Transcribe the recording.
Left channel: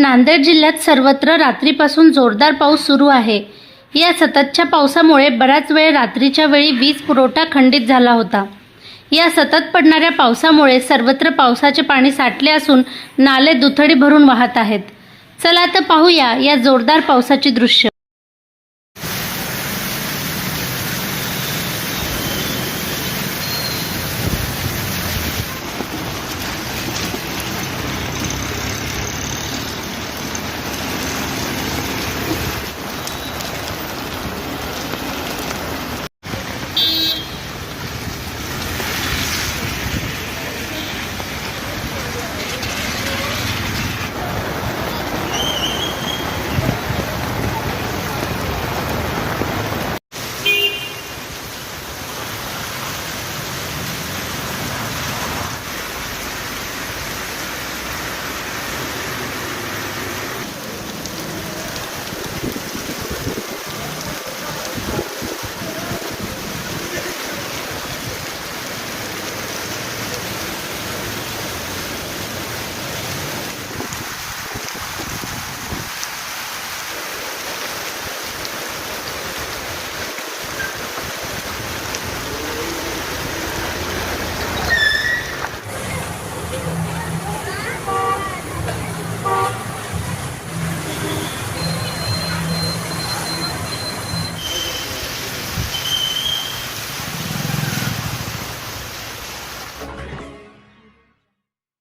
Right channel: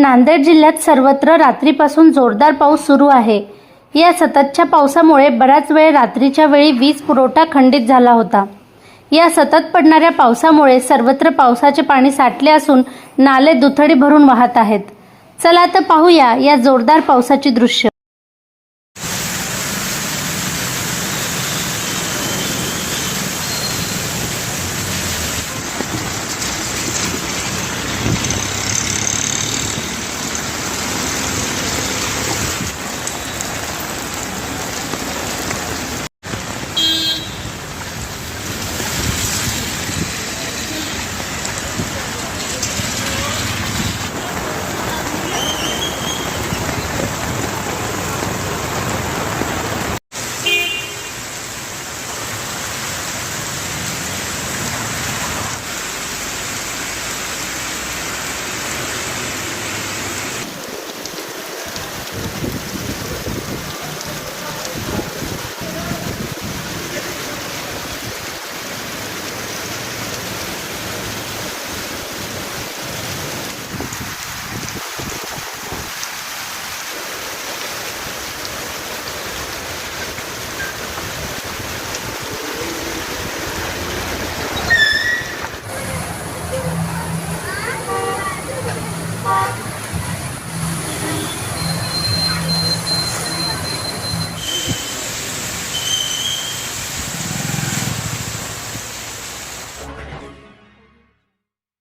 नांदेड जिल्ह्यात सर्वत्र रात्रीपासून जोरदार पाऊस सुरू आहे. या सततच्या पावसामुळे बराच वेळ रात्रीच्या वेळी वीज पुरवठा खंडित झाला होता. या सतत पडणाऱ्या पावसामुळे सर्वत्र पावसाचे पाणी साठले असून नाले दुथडी भरून वाहत आहेत. चला तर पाहूया या जोरदार पावसाची दृश्य.